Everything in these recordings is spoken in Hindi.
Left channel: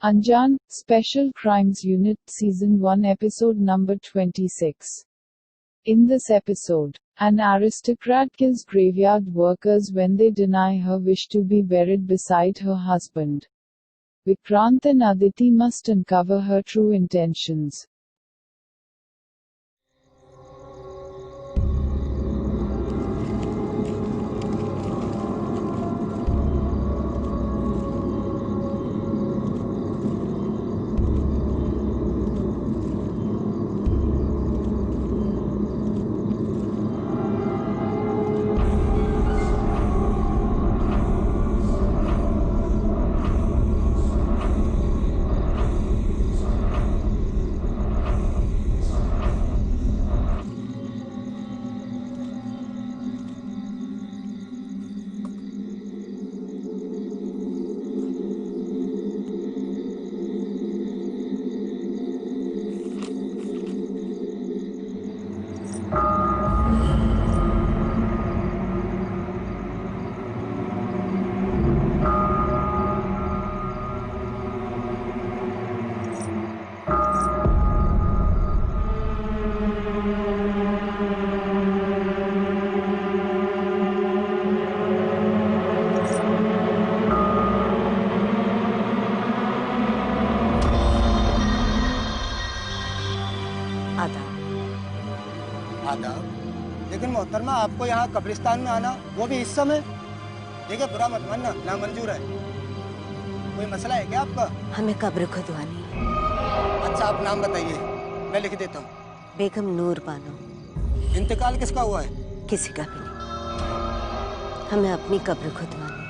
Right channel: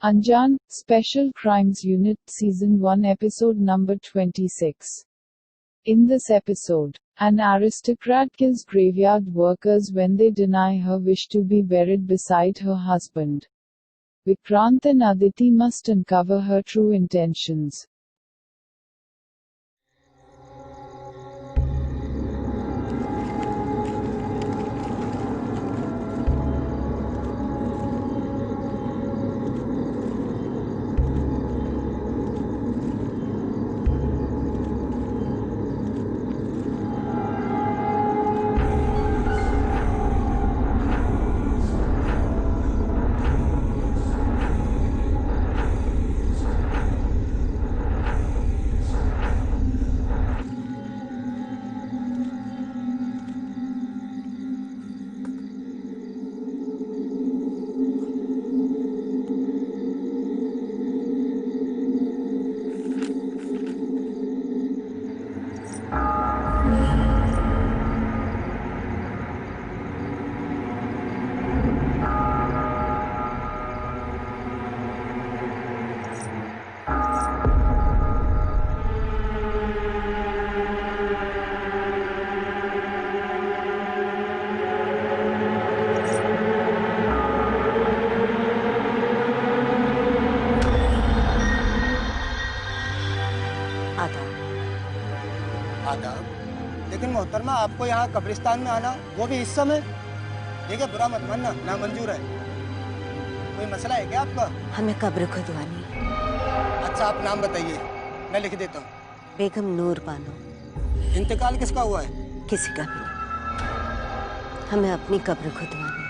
Anjan, Special Crimes Unit, Season 1, Episode number 26. In this episode, an aristocrat kills graveyard workers when they deny her wish to be buried beside her husband. Vikrant and Aditi must uncover her true intentions. आदाब। लेकिन मोहतरमा, आपको यहाँ कब्रिस्तान में आना, वो भी इस समय? देखिए, बुरा मत मानना, नामंजूर है। कोई मसला है क्या आपका? हमें कब्र खुदवानी। अच्छा, आप नाम बताइए, मैं लिख देता हूँ। बेगम नूर बानो। इंतकाल किसका हुआ है? किसी का भी नहीं। हमें अपनी कब्र खुदवानी।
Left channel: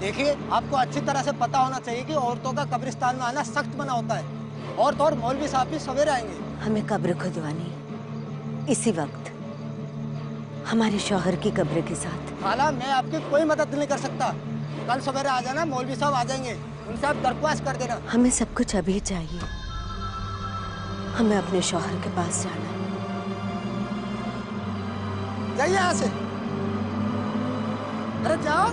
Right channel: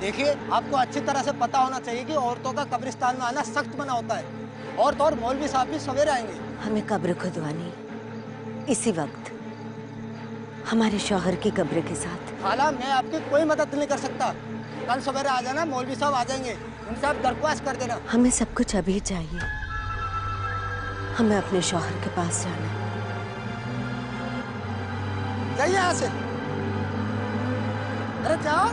देखिए, आपको अच्छी तरह से पता होना चाहिए कि औरतों का कब्रिस्तान में आना सख्त मना होता है। औरत और मौलवी साहब भी सवेरे आएंगे। हमें कब्र खुदवानी इसी वक्त, हमारे शौहर की कब्र के साथ। खाला, मैं आपकी कोई मदद नहीं कर सकता। कल सवेरे आ जाना, मौलवी साहब आ जाएंगे, उनसे आप दरख्वास्त कर देना। हमें सब कुछ अभी चाहिए। हमें अपने शौहर के पास जाना है। जाइए यहाँ से। अरे जाओ।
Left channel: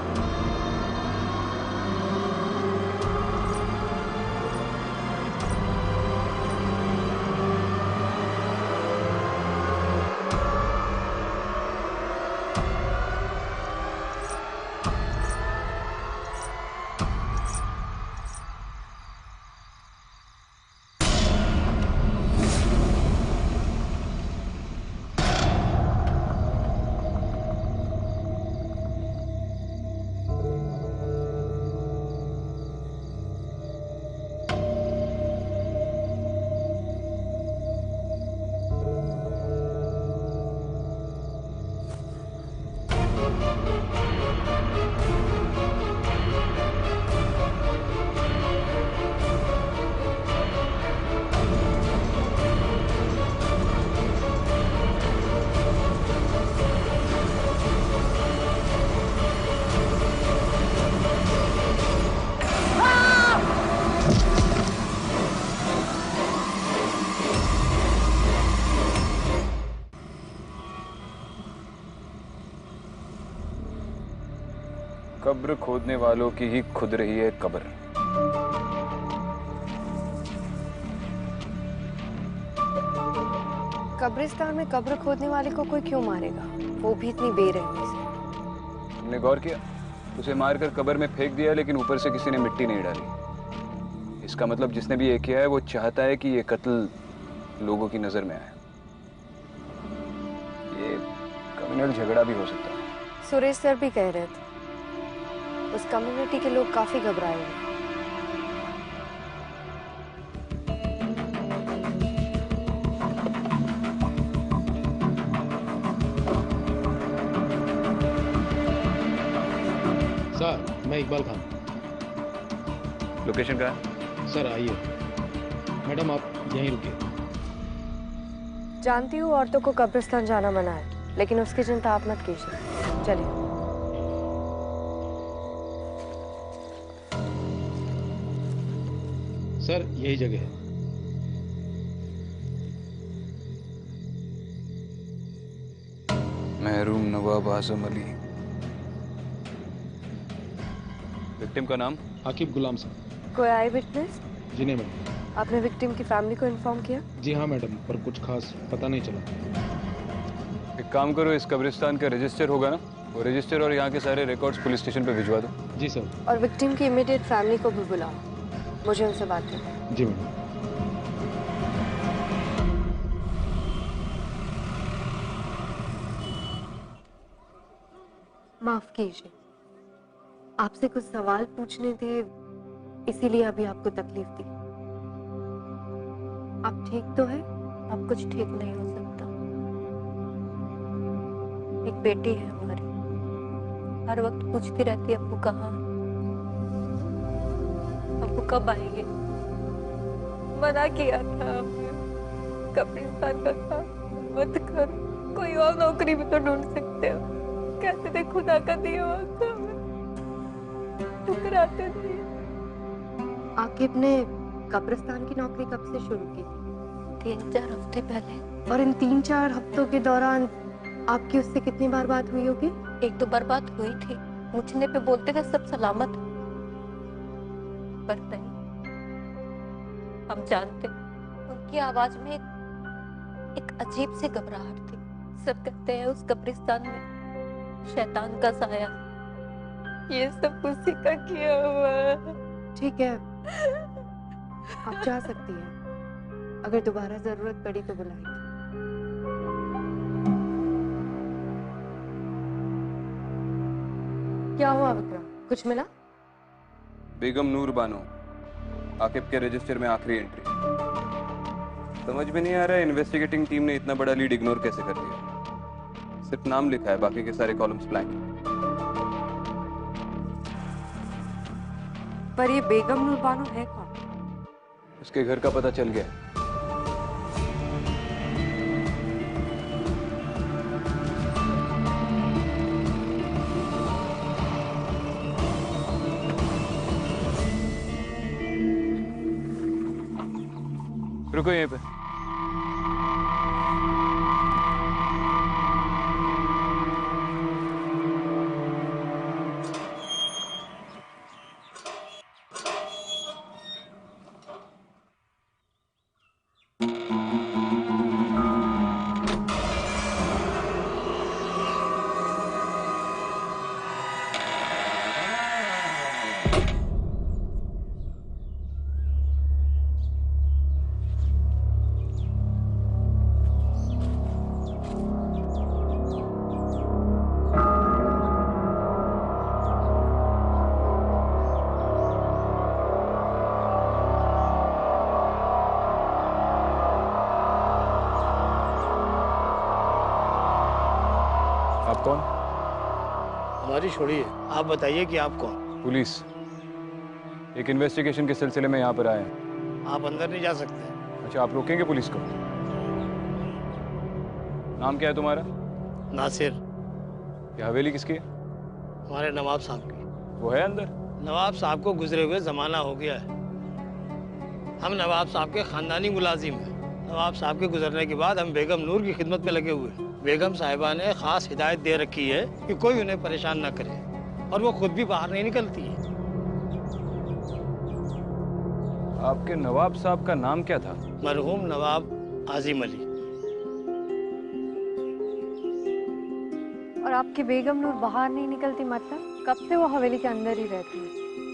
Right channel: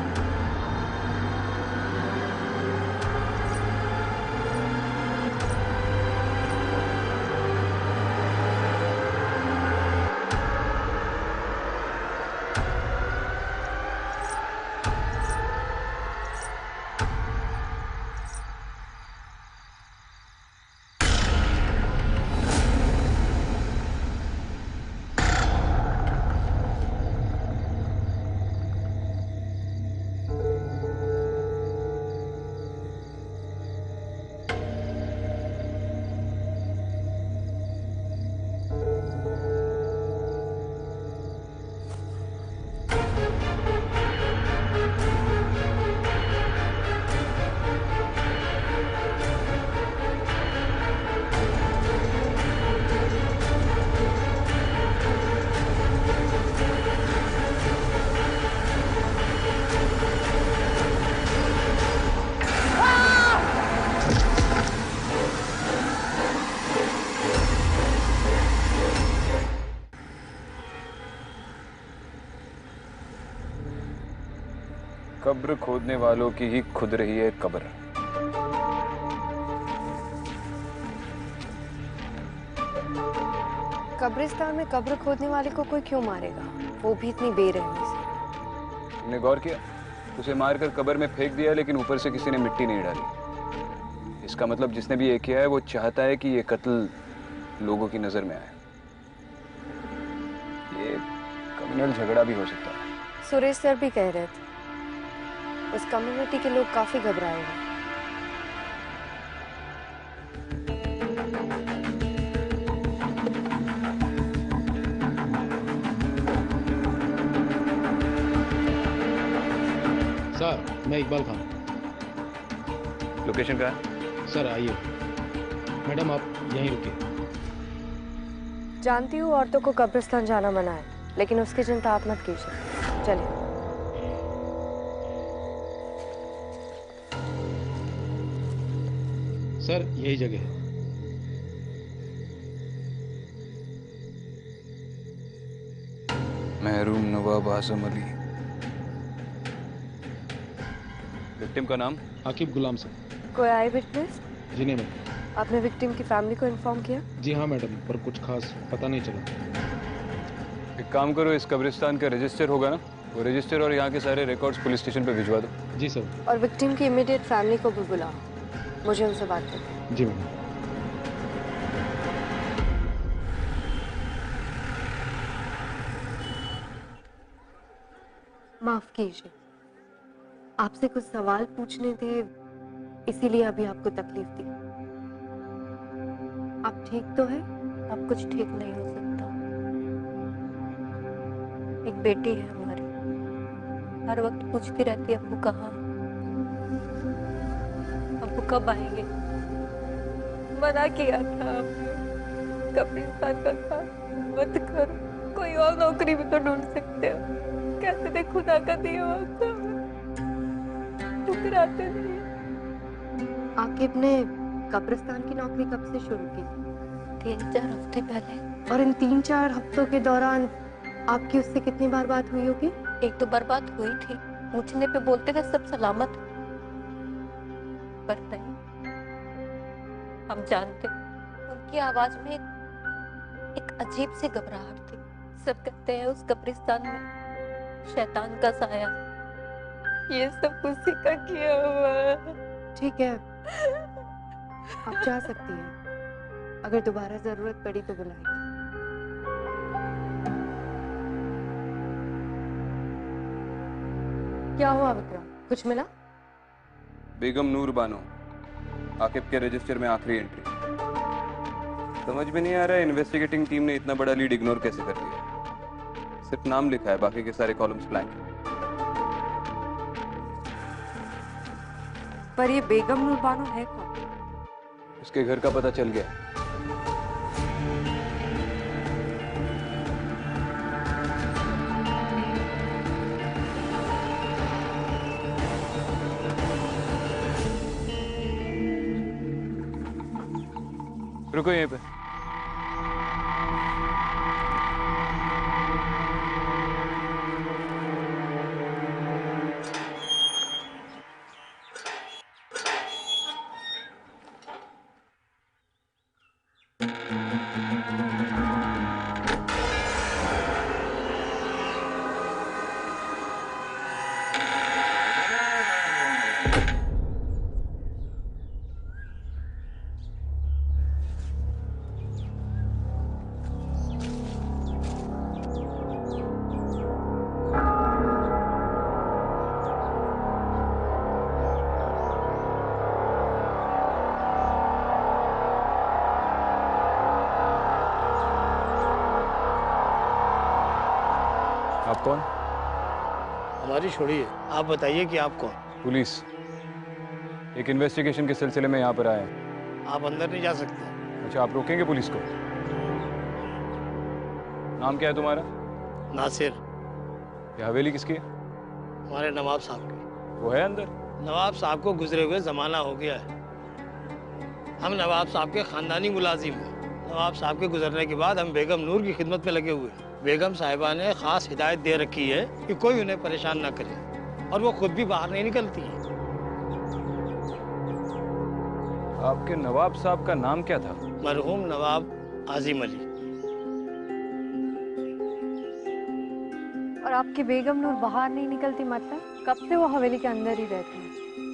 कब्र खोदने वालों की ही खुद रही है कब्र। कब्रिस्तान में कब्र खोदने वाले को कोई क्यों मारेगा, वो भी इतनी बेरहमी से। तुमने गौर किया? उसे मारकर कब्र में फेंक दिया, लेकिन ऊपर से किसी ने मिट्टी नहीं डाली। इसका मतलब जिसने भी ये किया है वो चाहता है कि ये कत्ल लोगों की नजर में आए। ये कम्युनल झगड़ा भी हो सकता है। सुरेश सर भी कह रहे थे उस कम्युनिटी के लोग काफी घबराए हुए। सर, मैं इकबाल खान। लोकेशन कहाँ है? सर आइए। मैडम आप यहीं रुकिए। जानती हूँ औरतों को कब्रिस्तान जाना मना है, लेकिन उसकी चिंता आप मत कीजिए। चलिए। सर यही जगह है। महरूम नवाब आजम अली। विक्टिम का नाम? आकिब गुलाम सर। कोई आई विटनेस? जी नहीं मैडम। आपने विक्टिम की फैमिली को इन्फॉर्म किया? जी हाँ मैडम, पर कुछ खास पता नहीं चला। एक काम करो, इस कब्रिस्तान का रजिस्टर होगा ना, वो रजिस्टर और यहाँ के सारे रिकॉर्ड्स पुलिस स्टेशन पे भिजवा दो। जी सर। और विक्टिम की इमीडिएट फैमिली को भी बुलाओ, मुझे उनसे बात करनी है। जी मैडम। माफ कीजिए, आपसे कुछ सवाल पूछने थे, इसीलिए अभी आपको तकलीफ दी। आप ठीक तो है? अब कुछ ठीक नहीं हो सकता। एक बेटी है हमारी, हर वक्त पूछती रहती है अब्बू कहाँ, अब्बू कब आएंगे। मना किया था हमने, कब्रिस्तान का काम मत करो, कोई और नौकरी भी तो ढूंढ सकते हो। कहते थे खुदा का दिया वक्त हमें, ठुकराते नहीं। आकिब ने कब्रिस्तान की नौकरी कब से शुरू की थी? 3-4 हफ्ते पहले। और इन 3-4 हफ्तों के दौरान आपकी उससे कितनी बार बात हुई होगी? 1-2 बार बात हुई थी, पूछने पे बोलते थे सब सलामत, पर नहीं। हम जानते उनकी आवाज में एक अजीब सी घबराहट थी। सब कहते हैं उस कब्रिस्तान में शैतान का साया, ये सब उसी का किया हुआ है। ठीक है, आप जा सकती हैं, अगर दोबारा जरूरत पड़ी तो बुलाएंगे। क्या हुआ विक्रम, कुछ मिला? बेगम नूर बानो, आकिब के रजिस्टर में आखिरी एंट्री। समझ में नहीं आ रहा है इन्वेस्टिगेटिंग टीम ने इतना बड़ा लीड इग्नोर कैसे कर दिया। सिर्फ नाम लिखा है, बाकी के सारे कॉलम्स ब्लैंक हैं। पर ये बेगम नूर बानो है कौन? उसके घर का पता चल गया। रुको यहीं पे। आप कौन? हमारी छोड़िए, आप बताइए कि आप कौन? पुलिस। एक इन्वेस्टिगेशन के सिलसिले में यहाँ पर आए हैं। आप अंदर नहीं जा सकते। अच्छा, आप रोकेंगे पुलिस को? नाम क्या है तुम्हारा? नासिर। ये हवेली किसकी है? हमारे नवाब साहब की। वो है अंदर? नवाब साहब को गुजरे हुए जमाना हो गया है। हम नवाब साहब के खानदानी मुलाजिम हैं। नवाब साहब के गुजरने के बाद हम बेगम नूर की खिदमत में लगे हुए हैं। बेगम साहिबा ने खास हिदायत दे रखी है कि कोई उन्हें परेशान ना करे, और वो खुद भी बाहर नहीं निकलती है। आपके नवाब साहब का नाम क्या था? मरहूम नवाब आजिम अली। और आपकी बेगम नूर बाहर नहीं निकलती, मतलब कब से वो हवेली के अंदर ही रहती है?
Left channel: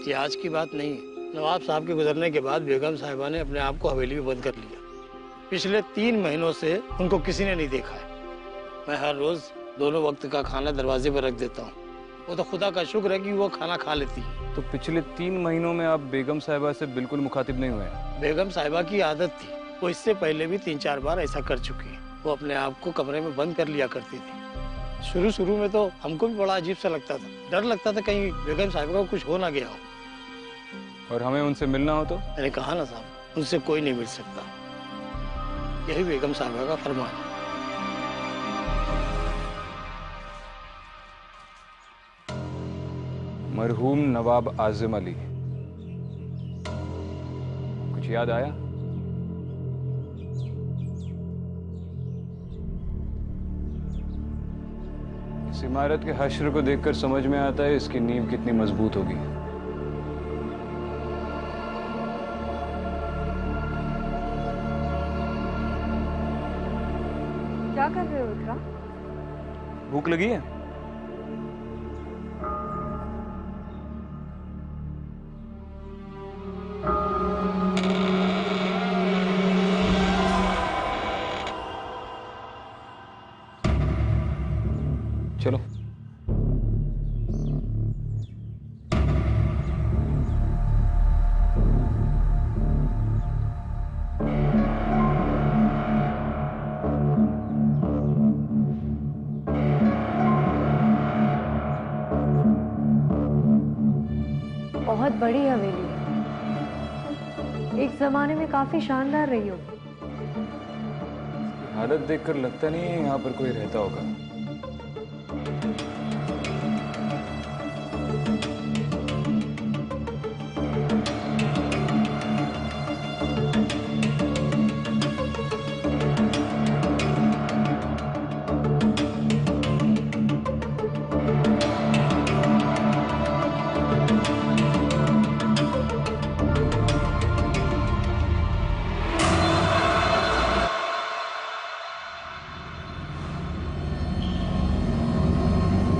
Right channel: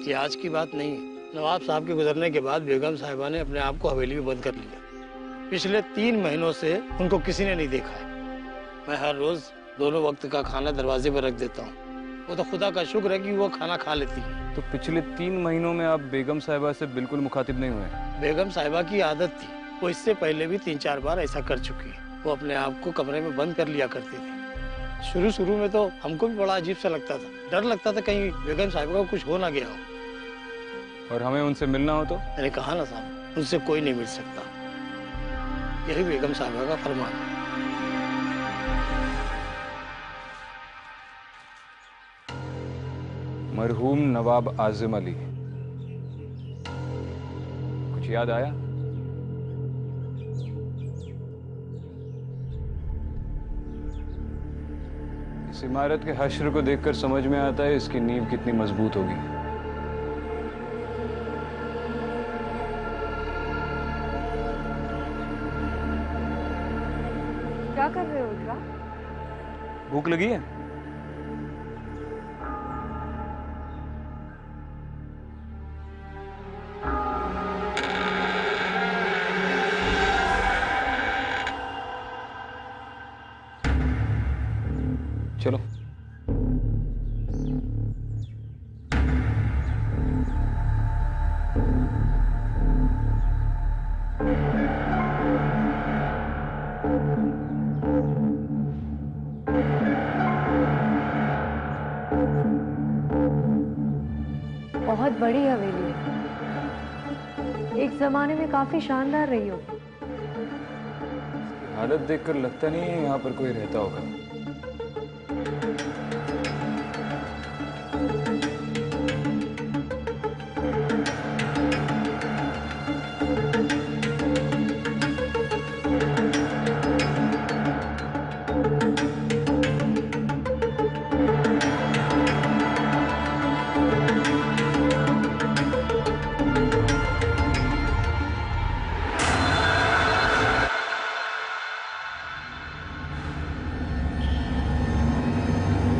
ये आज की बात नहीं है। नवाब साहब के गुजरने के बाद बेगम साहिबा ने अपने आप को हवेली में बंद कर लिया। पिछले 3 महीनों से उनको किसी ने नहीं देखा है। मैं हर रोज दोनों वक्त का खाना दरवाजे पर रख देता हूँ। वो तो खुदा का शुक्र है कि वो खाना खा लेती है। तो पिछले 3 महीनों में आप बेगम साहिबा से बिल्कुल मुखातिब नहीं हुए? बेगम साहिबा की आदत थी, वो इससे पहले भी 3-4 बार ऐसा कर चुकी है। वो अपने आप को कमरे में बंद कर लिया करती थी। शुरू में तो हमको भी बड़ा अजीब सा लगता था, डर लगता था कहीं बेगम साहिबा को कुछ हो ना गया हो। और हमें उनसे मिलना हो तो? मैंने कहा ना साहब, उनसे कोई नहीं मिल सकता। यही बेगम साहिबा का फरमान है। मरहूम नवाब आजिम अली, कुछ याद आया? इस इमारत के हश्र को देखकर समझ में आता है इसकी नींव कितनी मजबूत होगी। क्या कर रहे हो इकरा? भूख लगी है? चलो। बहुत बड़ी हवेली है, एक जमाने में काफी शानदार रही होगी। इसकी हालत देखकर लगता नहीं है यहाँ पर कोई रहता होगा।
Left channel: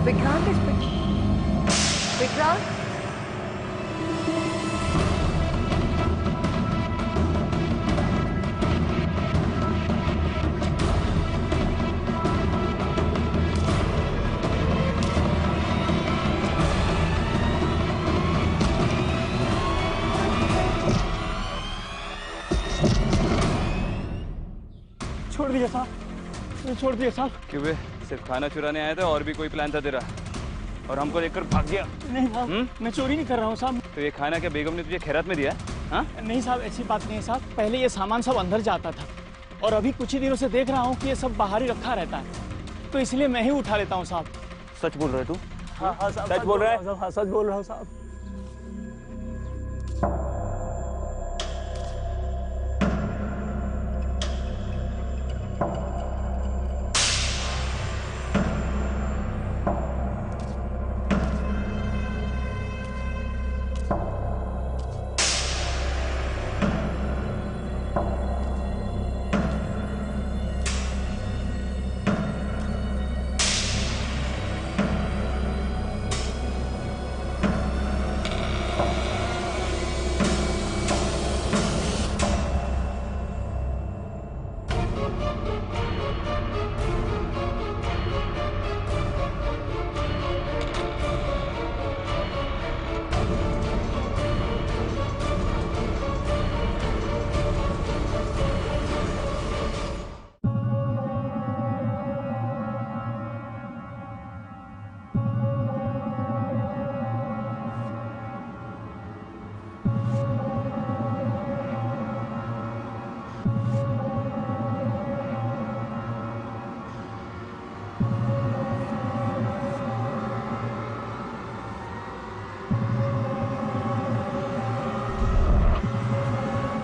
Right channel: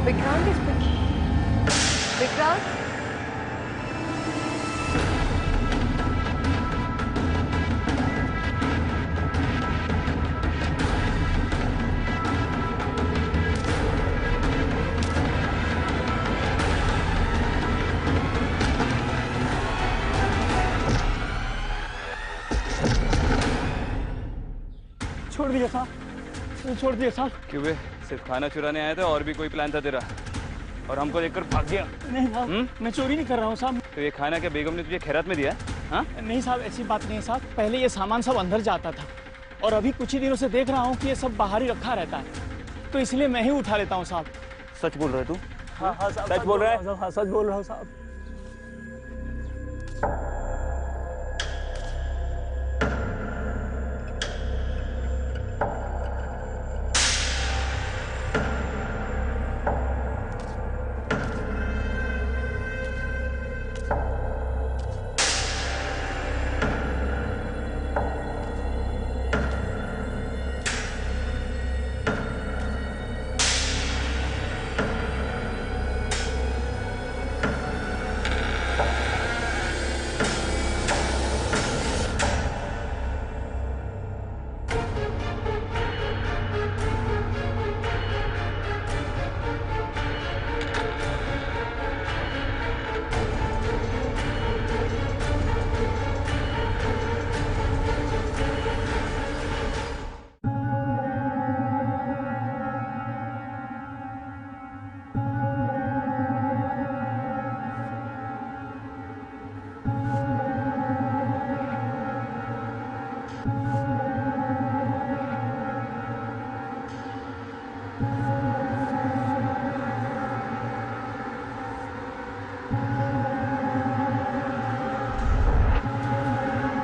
विक्रांत विक्रांत छोड़ दिया साहब, छोड़ दिया साहब। क्यों बे? सिर्फ खाना चुराने आया था और भी कोई प्लान था तेरा? और हमको देखकर भाग गया? नहीं साहब, मैं चोरी नहीं कर रहा हूँ साहब। तो ये खाना क्या बेगम ने तुझे खैरात में दिया? हाँ? नहीं साहब, ऐसी बात नहीं है साहब। पहले ये सामान सब अंदर जाता था और अभी कुछ ही दिनों से देख रहा हूँ कि ये सब बाहर ही रखा रहता है, तो इसलिए मैं ही उठा लेता हूँ साहब। सच बोल रहे तू? हाँ हाँ साहब, सच बोल रहा है? हाँ सच बोल रहा हूँ साहब।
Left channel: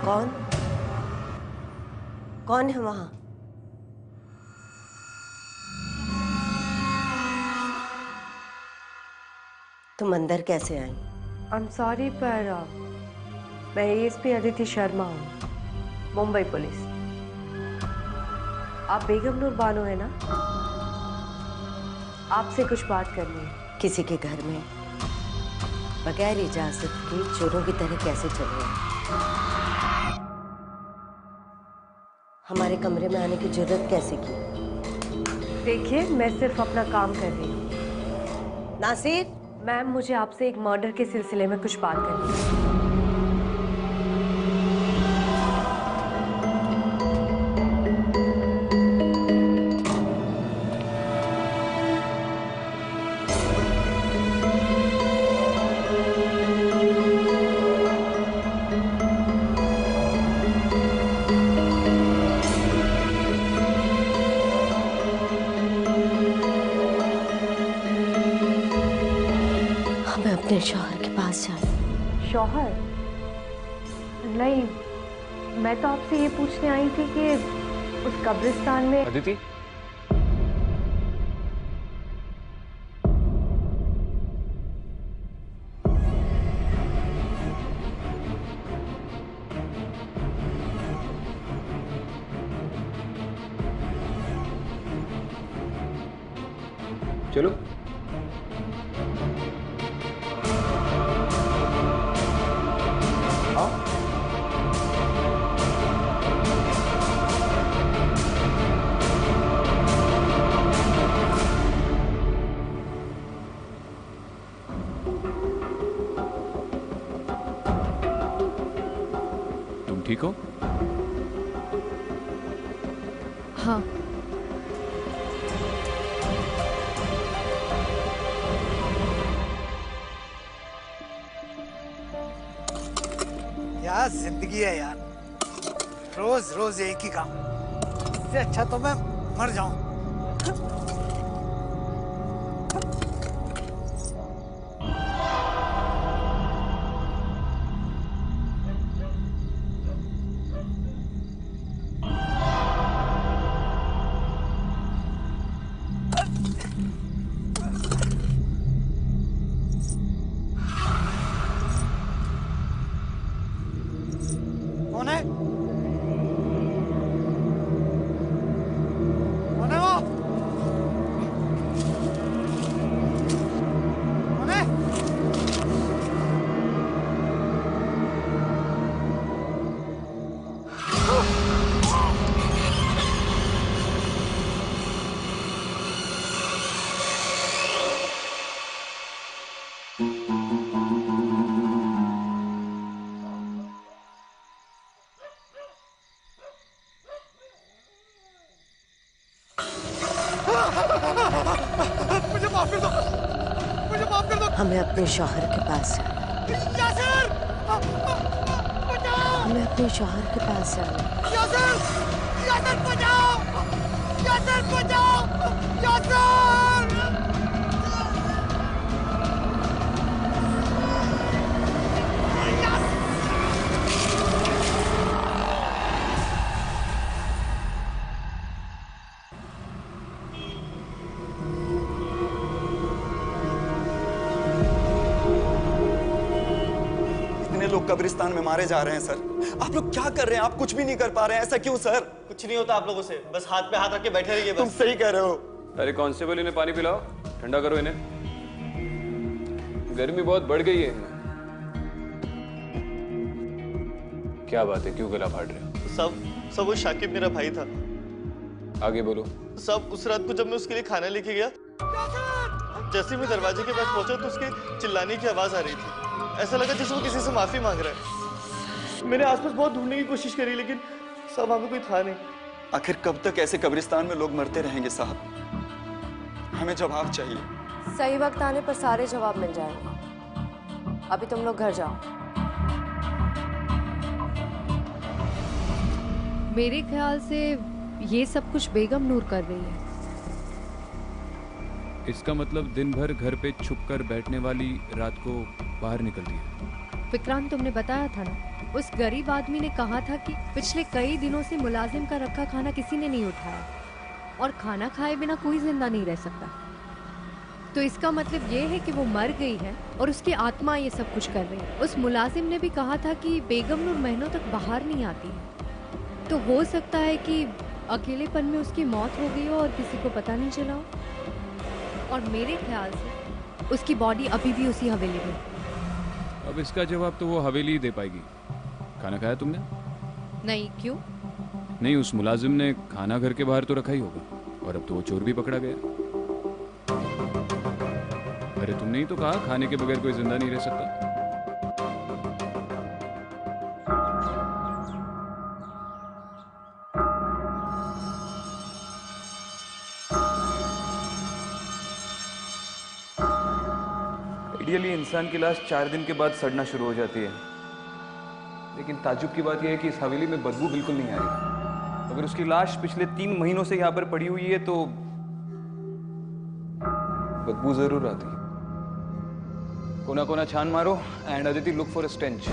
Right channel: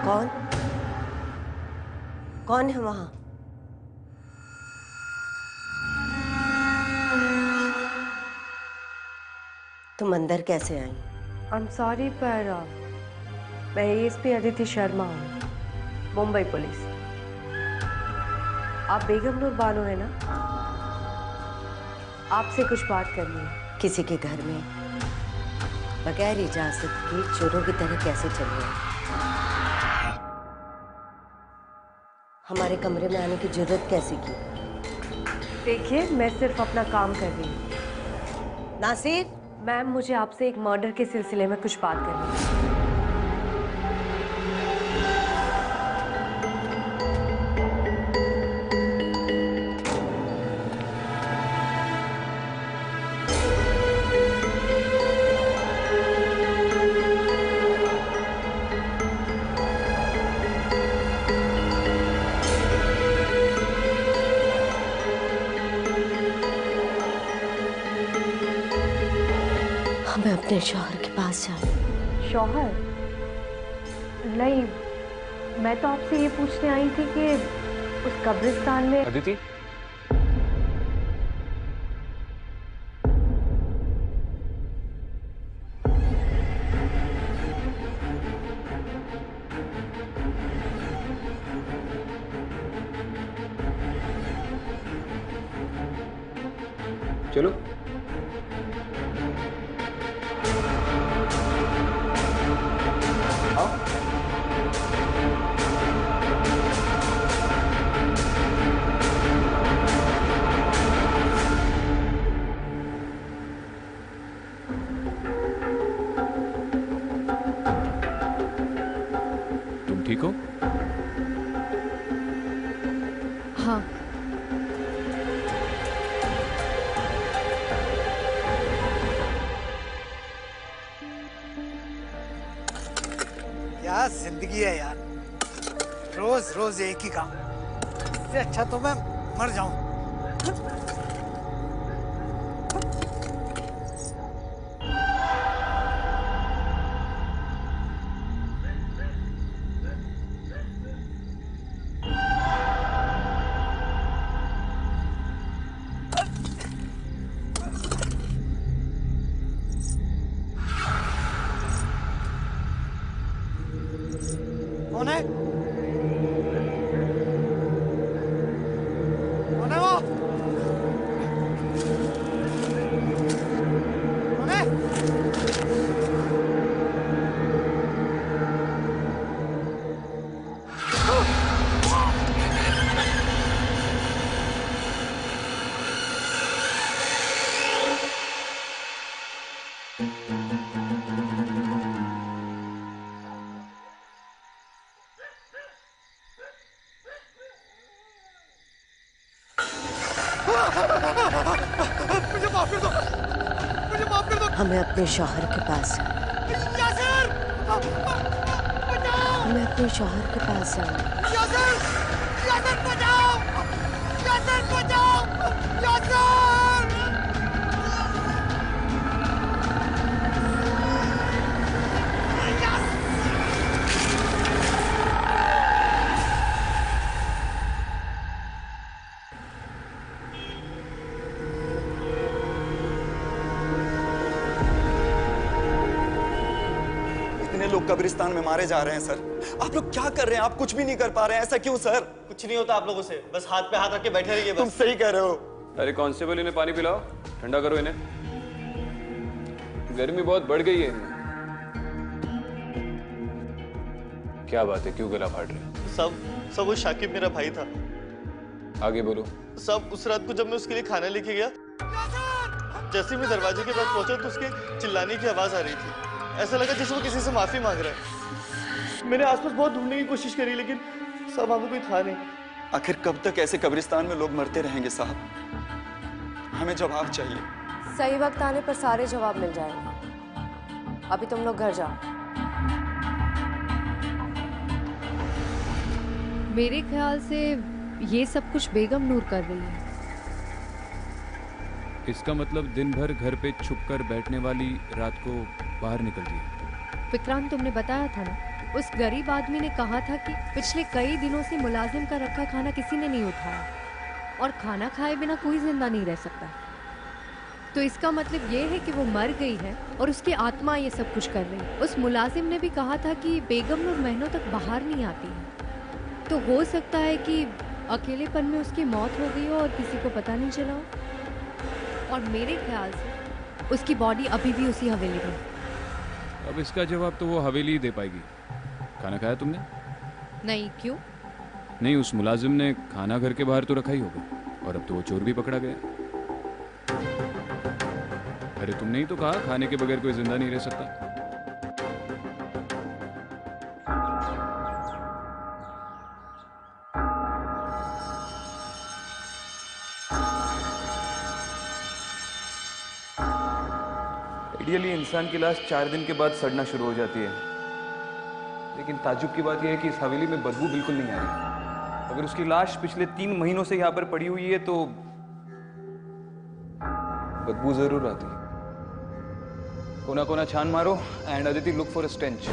कौन कौन है वहां? तुम अंदर कैसे आई? आई एम सॉरी पर मैं एएसपी अदिति शर्मा हूँ, मुंबई पुलिस। आप बेगम नूर बानो है ना? आपसे कुछ बात करनी है। किसी के घर में बगैर इजाजत के चोरों की तरह कैसे चले आए? हमारे कमरे में आने की जरूरत कैसे की? देखिए, मैं सिर्फ अपना काम कर रही हूँ। नासिर, मैम, मुझे आपसे एक मर्डर के सिलसिले में कुछ बात करनी है। हमें अपने शौहर के पास जाना। शौहर? नहीं, मैं तो आपसे ये पूछने आई थी कि उस कब्रिस्तान में अदिति, चलो। हाँ तुम ठीक हो? हाँ। क्या जिंदगी है यार, रोज रोज एक ही काम। इससे अच्छा तो मैं मर जाऊं। कौन है? कौन है वो? कौन है? मुझे माफ कर दो, मुझे माफ कर दो। हमें अपने शौहर के पास जाना है। यासिर, बचाओ। हमें अपने शौहर के पास जाना है। यासिर, यासिर बचाओ, यासिर बचाओ, यासिर। इतने लोग कब्रिस्तान में मारे जा रहे हैं सर, आप लोग क्या कर रहे हैं? आप कुछ भी नहीं कर पा रहे हैं, ऐसा क्यों सर? कुछ नहीं होता आप लोगों से, बस हाथ पे हाथ रख के बैठे रहिए बस। तुम सही कह रहे हो। अरे कांस्टेबल, इन्हें पानी पिलाओ, ठंडा करो इन्हें, गर्मी बहुत बढ़ गई है इनमें। क्या बात है, क्यों गला फाड़ रहे हो? सब वो शाकिब मेरा भाई था। आगे बोलो। सब उस रात को जब मैं उसके लिए खाना लेके गया, जैसे मैं दरवाजे के पास पहुंचा तो उसके चिल्लाने की आवाज आ रही थी। ऐसा लगा जैसे वो किसी से माफी मांग रहा है। मैंने आसपास बहुत ढूंढने की कोशिश करी लेकिन सब वहां पे कोई था नहीं। आखिर कब तक ऐसे कब्रिस्तान में लोग मरते रहेंगे साहब? हमें जवाब चाहिए। सही वक्त आने पर सारे जवाब मिल जाएंगे। अभी तुम लोग घर जाओ। मेरे ख्याल से ये सब कुछ बेगम नूर कर रही है। इसका मतलब दिन भर घर पे छुप कर बैठने वाली रात को बाहर निकलती है। विक्रांत, तुमने बताया था ना, उस गरीब आदमी ने कहा था कि पिछले कई दिनों से मुलाजिम का रखा खाना किसी ने नहीं उठाया और खाना खाए बिना कोई जिंदा नहीं रह सकता। तो इसका मतलब ये है कि वो मर गई है और उसकी आत्मा ये सब कुछ कर रही है। उस मुलाजिम ने भी कहा था कि बेगम नूर महीनों तक बाहर नहीं आती है, तो हो सकता है कि अकेलेपन में उसकी मौत हो गई हो और किसी को पता नहीं चला हो। और मेरे ख्याल से उसकी बॉडी अभी भी उसी हवेली में। अब इसका जवाब तो वो हवेली ही दे पाएगी। खाना खाया तुमने? नहीं, क्यों? नहीं, उस मुलाजिम ने खाना घर के बाहर तो रखा ही होगा और अब तो वो चोर भी पकड़ा गया। अरे तुमने ही तो कहा खाने के बगैर कोई जिंदा नहीं रह सकता। आइडियली इंसान की लाश 4 दिन के बाद सड़ना शुरू हो जाती है, लेकिन ताज्जुब की बात यह है कि इस हवेली में बदबू बिल्कुल नहीं आ रही। अगर उसकी लाश पिछले 3 महीनों से यहाँ पर पड़ी हुई है तो बदबू जरूर आती। कोना कोना छान मारो and Aditi look for a stench.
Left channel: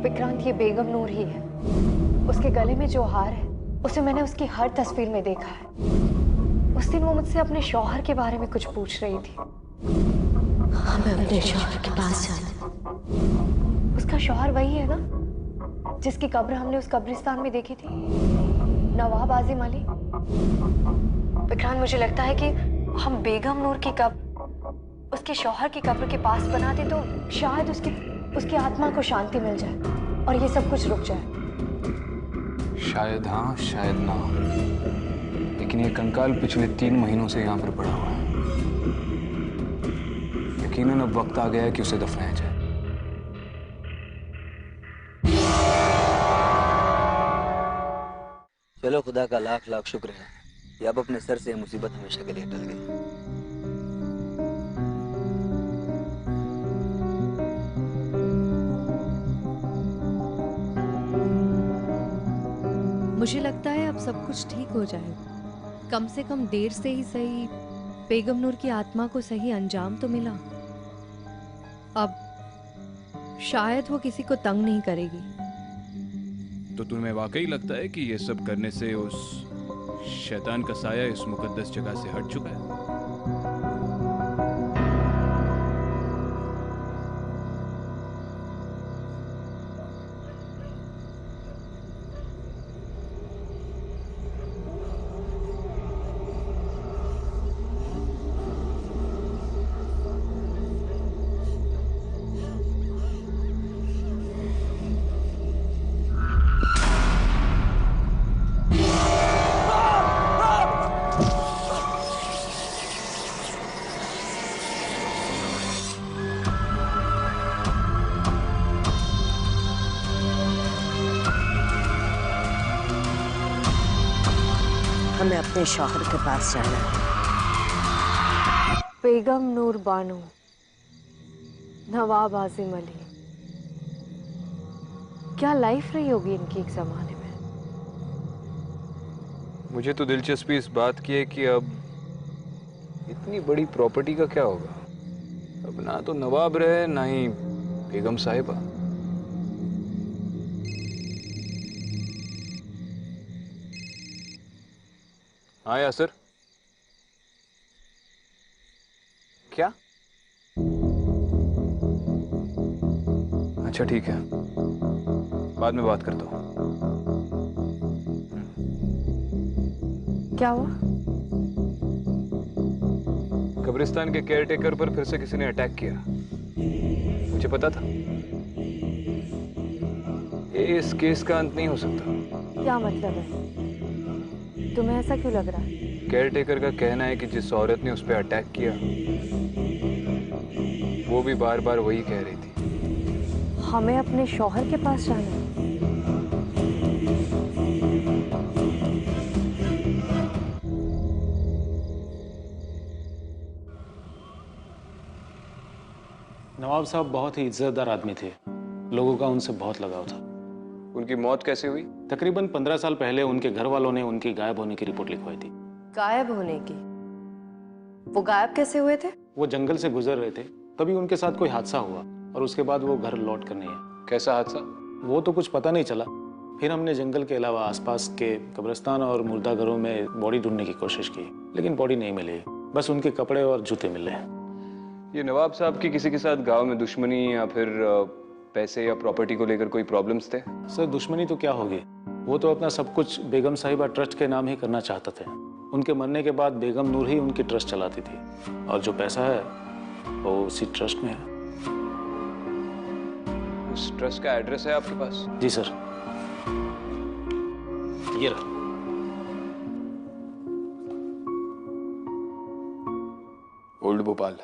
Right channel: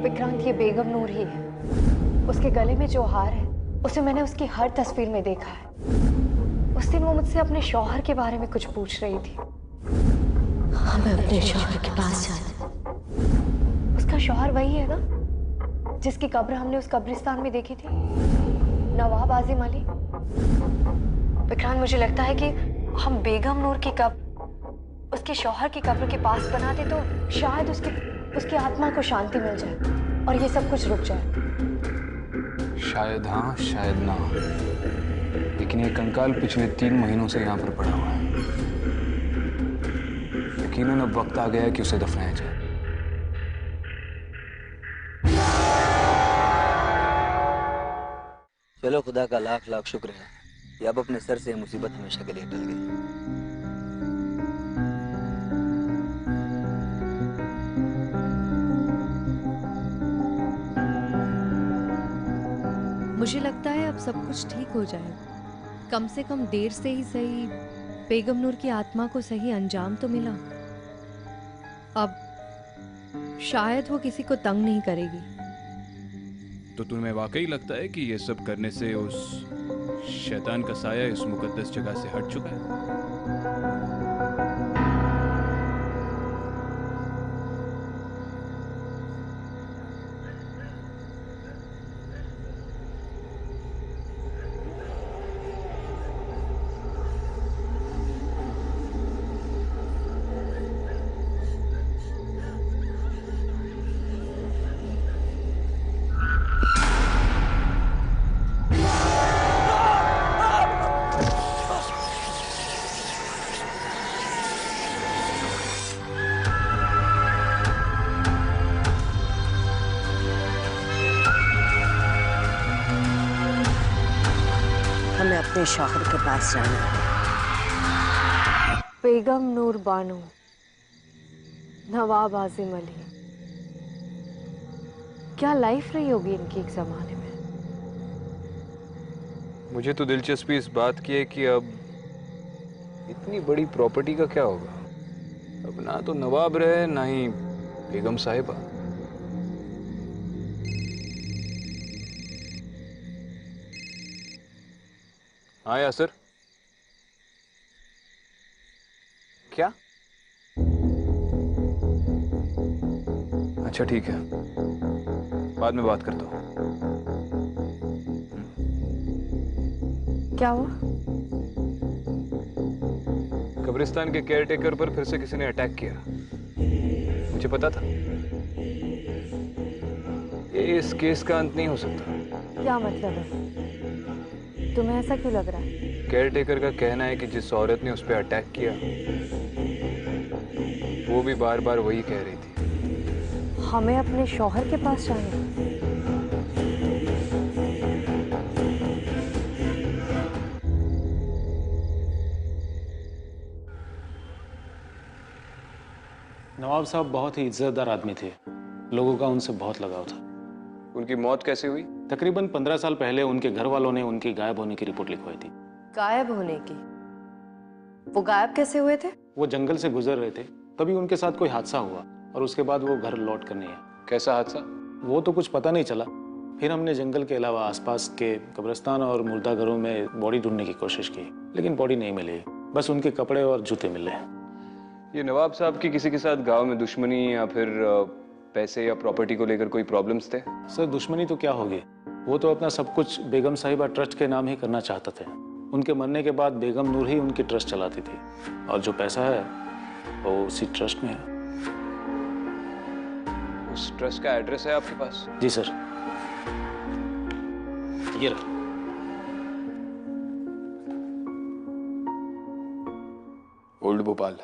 Vikrant, ये बेगम नूर ही है। उसके गले में जो हार है उसे मैंने उसकी हर तस्वीर में देखा है। उस दिन वो मुझसे अपने शौहर के बारे में कुछ पूछ रही थी। हमें अपने शौहर के पास जाना है। उसका शौहर वही है ना जिसकी कब्र हमने उस कब्रिस्तान में देखी थी, नवाब आजिम अली। विक्रांत, मुझे लगता है कि हम बेगम नूर की कब्र उसके शौहर की कब्र के पास बनाते तो शायद उसकी आत्मा को शांति मिल जाए और ये सब कुछ रुक जाए। शायद हाँ, शायद ना, लेकिन ये कंकाल पिछले 3 महीनों से यहाँ पर पड़ा हुआ है। यकीनन अब वक्त आ गया है कि उसे दफनाया जाए। चलो, खुदा का लाख लाख शुक्र है कि अब अपने सर से मुसीबत हमेशा के लिए टल गई। मुझे लगता है अब सब कुछ ठीक हो जाएगा। कम से कम देर से ही सही बेगम नूर की आत्मा को सही अंजाम तो मिला। अब शायद वो किसी को तंग नहीं करेगी। तो तुम्हें वाकई लगता है कि ये सब करने से उस शैतान का साया इस मुकद्दस जगह से हट चुका है? हमें अपने शौहर के पास जाना है। बेगम नूर बानो, नवाब आजिम अली, क्या लाइफ रही होगी इनकी एक जमाने में। मुझे तो दिलचस्पी इस बात की है कि अब इतनी बड़ी प्रॉपर्टी का क्या होगा। अब ना तो नवाब रहे ना ही बेगम साहिबा। हाँ यासर, क्या? अच्छा ठीक है, बाद में बात करता हूँ। क्या हुआ? कब्रिस्तान के केयरटेकर पर फिर से किसी ने अटैक किया। मुझे पता था ये इस केस का अंत नहीं हो सकता। क्या मतलब है? तुम्हें ऐसा क्यों लग रहा है? केयरटेकर का कहना है कि जिस औरत ने उस पर अटैक किया वो भी बार बार वही कह रही थी। हमें अपने शौहर के पास जाना है। नवाब साहब बहुत ही इज्जतदार आदमी थे। लोगों का उनसे बहुत लगाव था। उनकी मौत कैसे हुई? तकरीबन 15 साल पहले उनके घर वालों ने उनकी गायब होने की रिपोर्ट लिखवाई थी। गायब होने की? वो गायब कैसे हुए थे? वो जंगल से गुजर रहे थे, तभी उनके साथ कोई हादसा हुआ और उसके बाद वो घर लौट कर नहीं आए। कैसा हादसा? वो तो कुछ पता नहीं चला। फिर हमने जंगल के अलावा आसपास के कब्रिस्तान और मुर्दा घरों में बॉडी ढूंढने की कोशिश की, लेकिन बॉडी नहीं मिली। बस उनके कपड़े और जूते मिले। ये नवाब साहब की किसी के साथ गांव में दुश्मनी या फिर पैसे या प्रॉपर्टी को लेकर कोई प्रॉब्लम्स थे? सर, दुश्मनी तो क्या होगी, वो तो अपना सब कुछ बेगम साहिबा ट्रस्ट के नाम ही करना चाहते थे। उनके मरने के बाद बेगम नूर ही उनकी ट्रस्ट चलाती थी और जो पैसा है वो उसी ट्रस्ट में है। उस ट्रस्ट का एड्रेस है आपके पास? जी सर, ये रहा। ओल्ड भोपाल।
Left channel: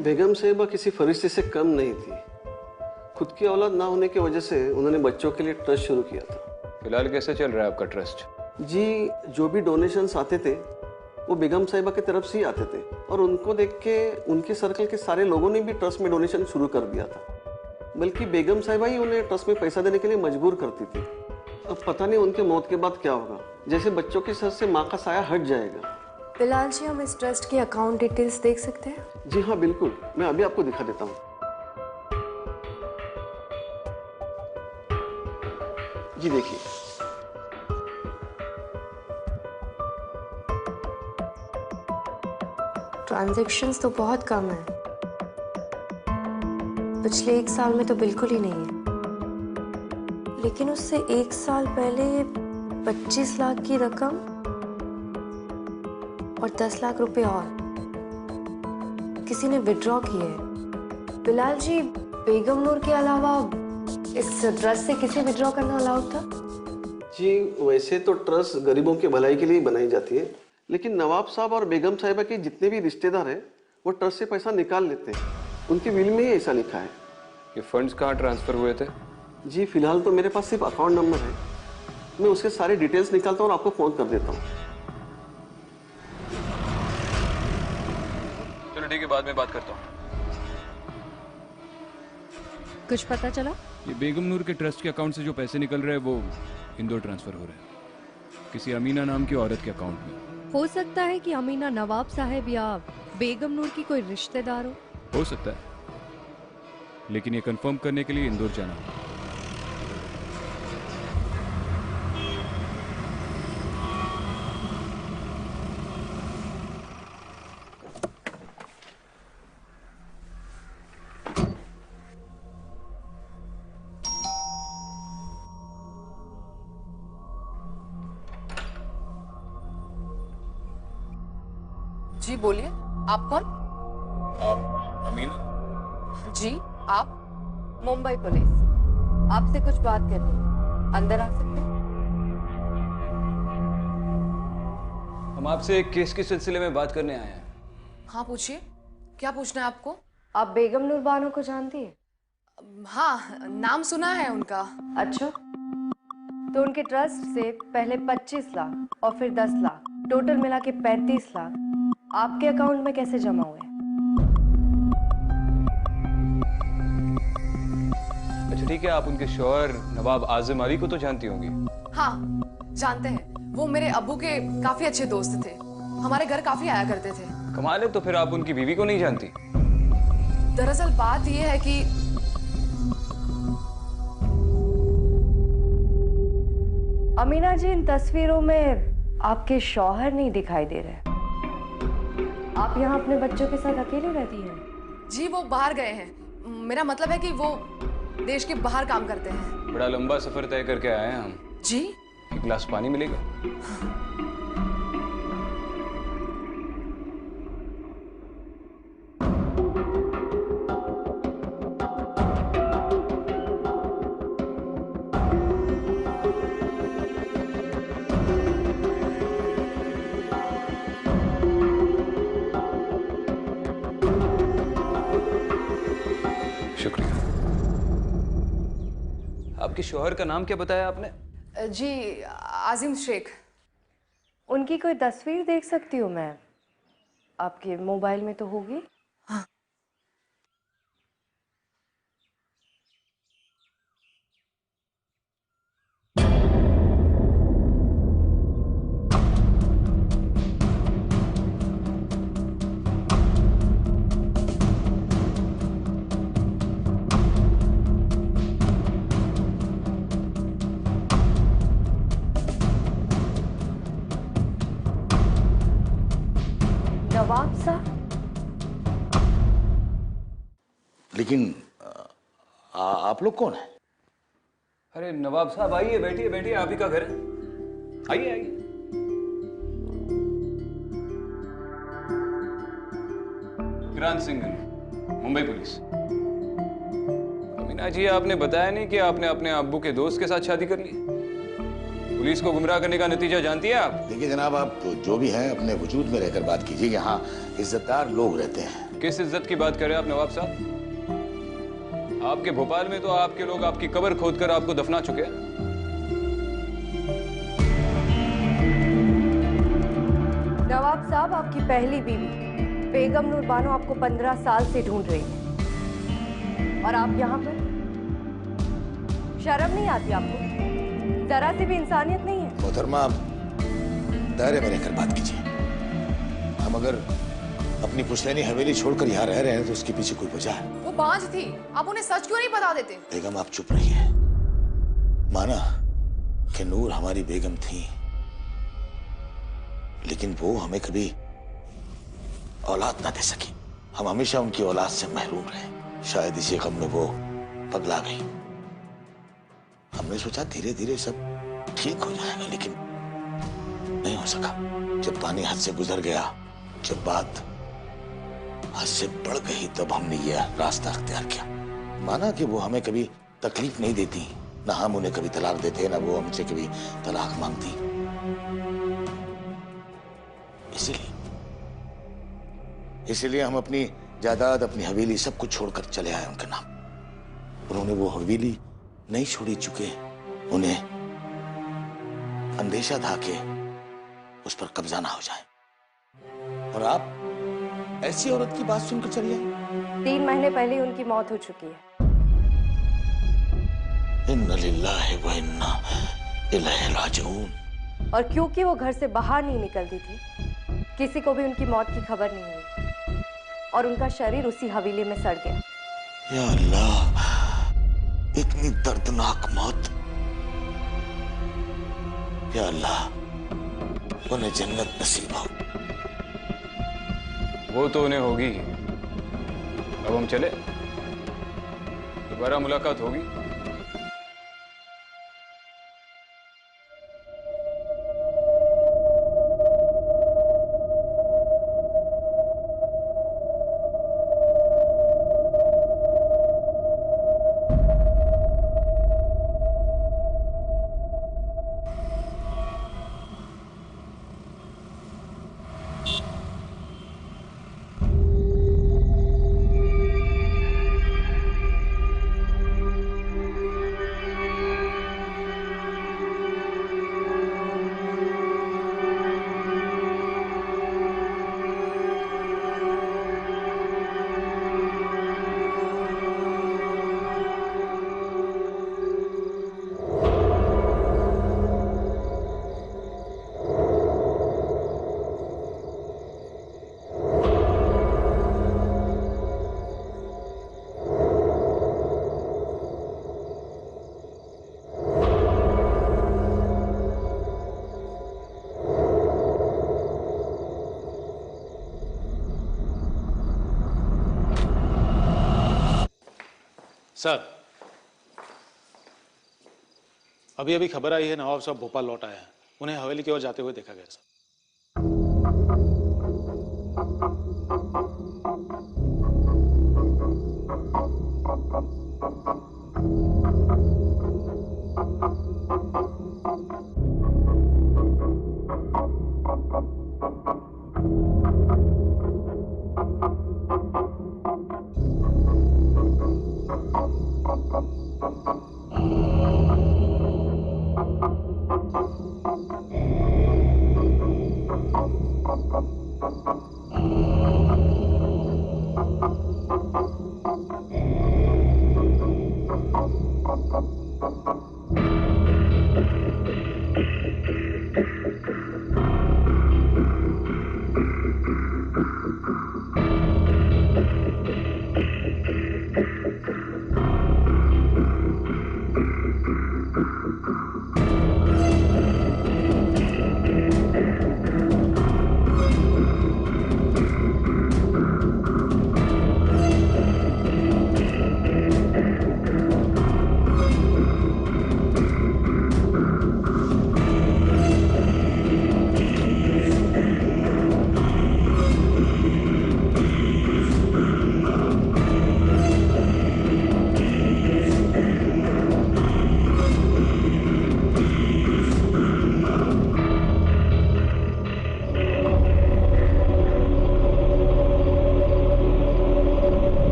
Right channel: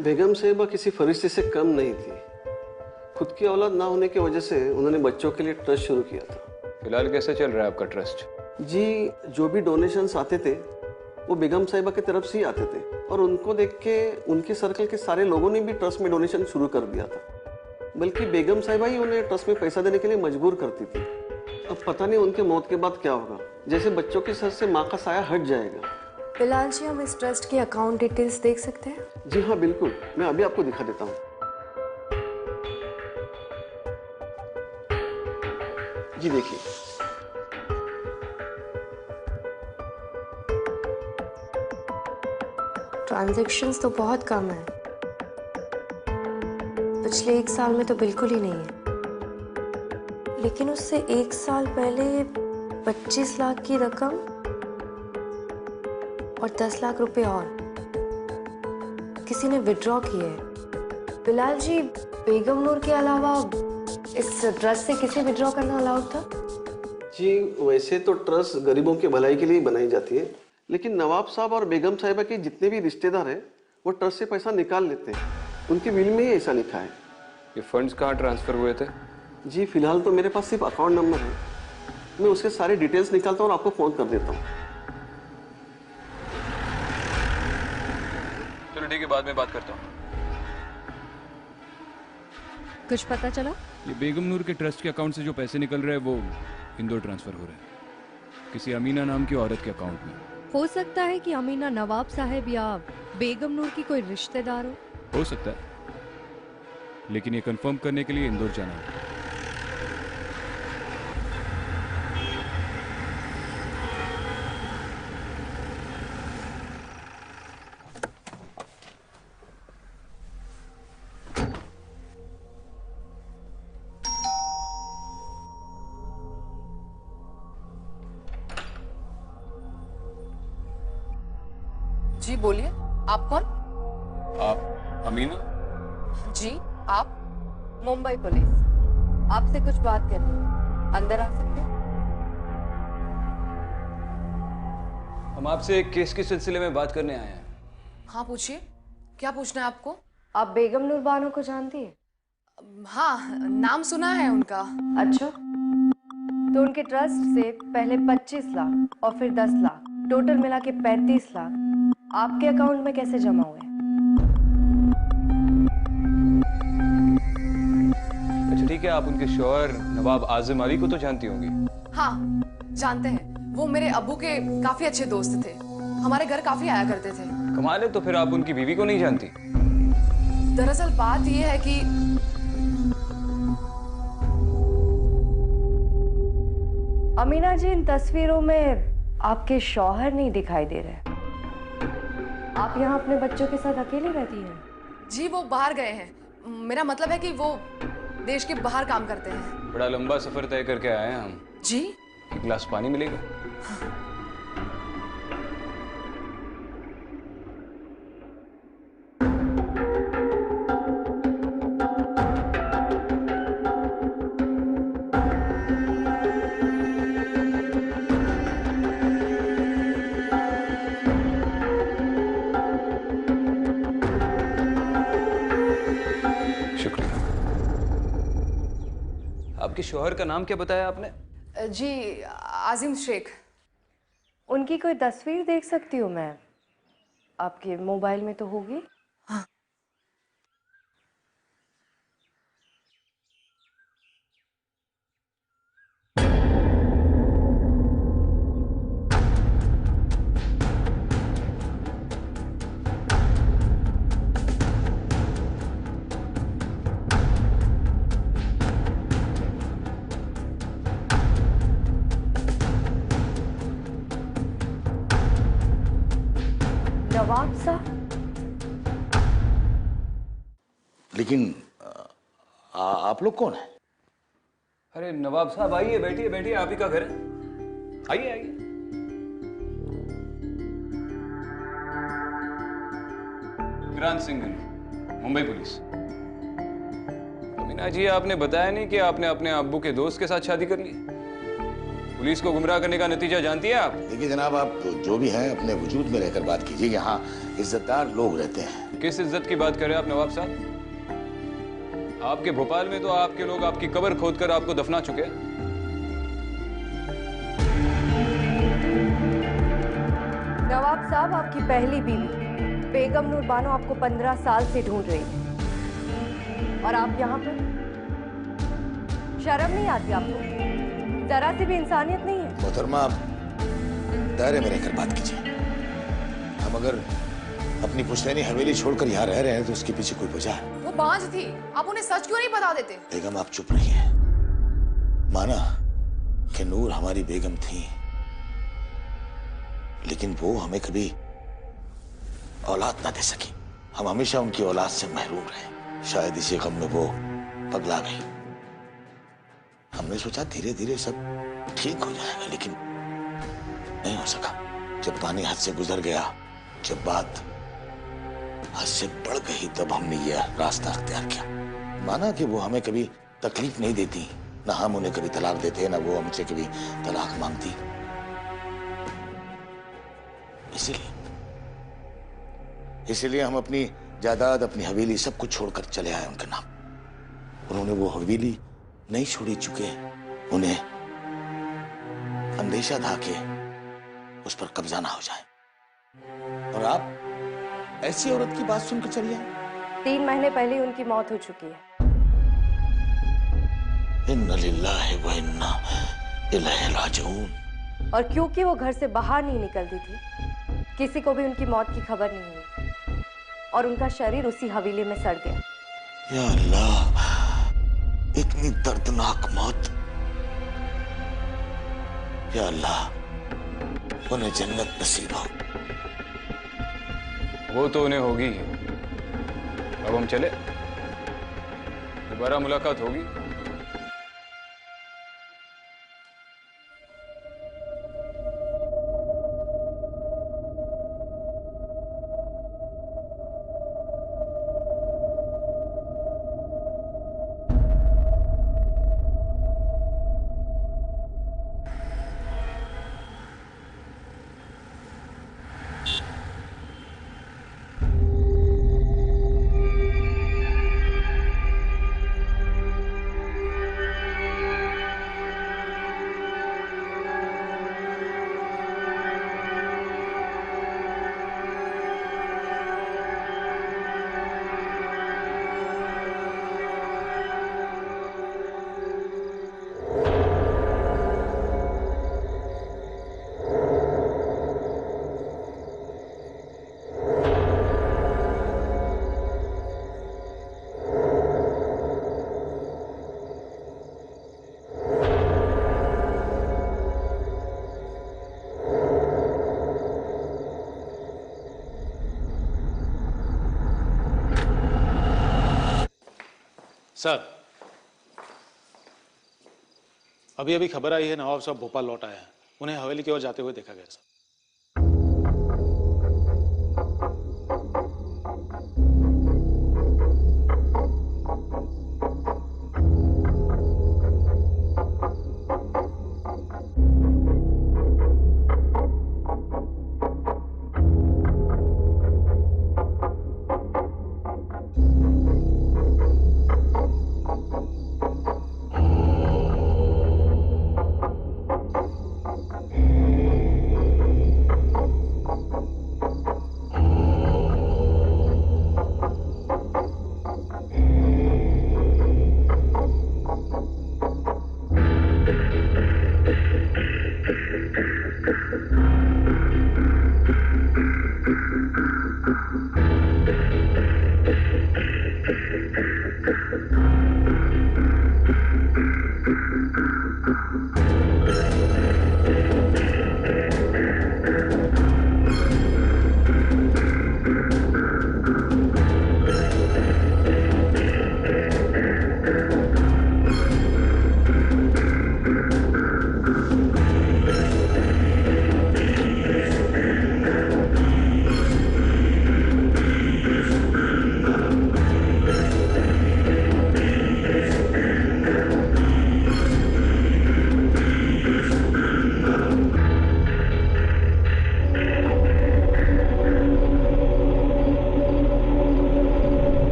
बेगम साहिबा किसी फरिश्ते से कम नहीं थी। खुद की औलाद ना होने की वजह से उन्होंने बच्चों के लिए ट्रस्ट शुरू किया था। फिलहाल कैसे चल रहा है आपका ट्रस्ट? जी, जो भी डोनेशंस आते थे वो बेगम साहिबा की तरफ से ही आते थे और उनको देख के उनके सर्कल के सारे लोगों ने भी ट्रस्ट में डोनेशन शुरू कर दिया था। बल्कि बेगम साहिबा ही उन्हें ट्रस्ट में पैसा देने के लिए मजबूर करती थी। अब पता नहीं उनके मौत के बाद क्या होगा। जैसे बच्चों के सर से माँ का साया हट जाएगा बिलाल जी, हम इस ट्रस्ट की अकाउंट डिटेल्स देख सकते हैं? जी हाँ बिल्कुल, मैं अभी आपको दिखा देता हूँ। जी देखिए, ट्रांजैक्शंस तो बहुत कम है, पिछले 1 साल में तो बिल्कुल ही नहीं है। लेकिन उससे 1 साल पहले 25 लाख की रकम और 10 लाख रुपए और किसी ने विड्रॉ किए हैं। बिलाल जी, बेगम नूर के अलावा इस ट्रस्ट से किसे विड्रॉ करना अलाउड था? जी वैसे तो ट्रस्ट गरीबों की भलाई के लिए ही बनाई जाती है, लेकिन नवाब साहब और बेगम साहिबा के जितने भी रिश्तेदार हैं वो ट्रस्ट से पैसा निकाल लेते हैं। उनकी विल में ही ऐसा लिखा है। ये फंड्स कहाँ ट्रांसफर हुए थे? जी फिलहाल तो मेरे पास सिर्फ अकाउंट नंबर है, मैं उसके सारे डिटेल्स निकालता हूँ और आपको फोन कर देता हूँ। चलो ठीक है, बाद में बात करता हूँ। कुछ पता चला? ये बेगम नूर के ट्रस्ट के अकाउंट से जो पैसे निकल रहे हैं वो इंदौर ट्रांसफर हो रहे हैं, किसी अमीना नाम की औरत के अकाउंट में। हो सकता है कि अमीना नवाब साहब या बेगम नूर की कोई रिश्तेदार हो सकता है, लेकिन ये कंफर्म करने के लिए इंदौर जाना होगा। जी बोलिए, आप कौन? आप अमीना? जी आप? मुंबई पुलिस, आपसे कुछ बात करनी है, अंदर आ सकते हैं? हम आपसे एक केस के सिलसिले में बात करने आए हैं। हाँ पूछिए, क्या पूछना है आपको? आप बेगम नूर बानो को जानती है? हाँ, नाम सुना है उनका। अच्छा, तो उनके ट्रस्ट से पहले 25 लाख और फिर 10 लाख, टोटल मिला के 35 लाख आपके अकाउंट में कैसे जमा हुए? अच्छा ठीक है, आप उनके शौहर नवाब आजिम अली को तो जानती होंगी? हाँ जानते हैं, वो मेरे अब्बू के काफी अच्छे दोस्त थे, हमारे घर काफी आया करते थे। कमाल है, तो फिर आप उनकी बीवी को नहीं जानती? दरअसल बात ये है कि अमीना जी, इन तस्वीरों में आपके शौहर नहीं दिखाई दे रहे। आप यहाँ अपने बच्चों के साथ अकेली रहती हैं? जी वो बाहर गए हैं, मेरा मतलब है कि वो देश के बाहर काम करते हैं। बड़ा लंबा सफर तय करके आए हैं हम। जी? एक गिलास पानी मिलेगा? शुक्रिया। आपके शौहर का नाम क्या बताया आपने? जी आजिम शेख। उनकी कोई तस्वीर देख सकती हूँ मैं? आपके मोबाइल में तो होगी। हाँ। नवाब साहब? लेकिन आप लोग कौन हैं? अरे नवाब साहब आइए, बैठिए बैठिए, आप ही का घर है, आइए आइए। विक्रांत सिंह, मुंबई पुलिस। अमीना जी, आपने बताया नहीं कि आपने अपने अब्बू के दोस्त के साथ शादी कर ली? पुलिस को गुमराह करने का नतीजा जानती है आप? देखिए जनाब, आप तो जो भी हैं अपने वजूद में रहकर बात कीजिए। यहाँ इज्जतदार लोग रहते हैं। किस इज्जत की बात कर रहे हैं आप नवाब साहब? आपके भोपाल में तो आपके लोग आपकी कब्र खोदकर आपको दफना चुके हैं। नवाब साहब, आपकी पहली बीवी बेगम नूर बानो आपको 15 साल से ढूंढ रही है और आप यहाँ पर? शर्म नहीं आती आपको? जरा सी भी इंसानियत नहीं है? मोहतरमा, दायरे में रहकर बात कीजिए। हम अगर अपनी पुश्तैनी हवेली छोड़कर यहाँ रह रहे हैं तो उसके पीछे कोई वजह है। वो बांझ थी, आप उन्हें सच क्यों नहीं बता देते? बेगम आप चुप रहिए। माना कि नूर हमारी बेगम थी, लेकिन वो हमें कभी औलाद ना दे सकी। हम हमेशा उनकी औलाद से महरूम रहे। शायद इसी गम में वो पगला गई। हमने सोचा धीरे धीरे सब ठीक हो जाएगा, लेकिन नहीं हो सका। जब पानी हद से गुजर गया, जब बात हद से बढ़ गई, तब हमने यह रास्ता अख्तियार किया। माना कि वो हमें कभी तकलीफ नहीं देती, ना हम उन्हें कभी तलाक देते, ना वो हमसे कभी तलाक मांगती। इसीलिए हम अपनी जायदाद, अपनी हवेली सब कुछ छोड़कर चले आए उनके नाम। उन्होंने वो हवेली नहीं छोड़ी, चुके उन्हें अंदेशा था कि उस पर कब्जा ना हो जाए। और आप ऐसी औरत की बात सुनकर चली आई? 3 महीने पहले ही उनकी मौत हो चुकी है। इन्ना लिल्लाहि व इन्ना इलैहि राजिऊन। और क्योंकि वो घर से बाहर नहीं निकलती थी, किसी को भी उनकी मौत की खबर नहीं हुई और उनका शरीर उसी हवेली में सड़ गया। या अल्लाह, इतनी दर्दनाक मौत। या अल्लाह, उन्हें जन्नत नसीब हो। वो तो उन्हें होगी। अब हम चले, दोबारा मुलाकात होगी। सर, अभी अभी खबर आई है नवाब साहब भोपाल लौट आए हैं। उन्हें हवेली की ओर जाते हुए देखा गया सर।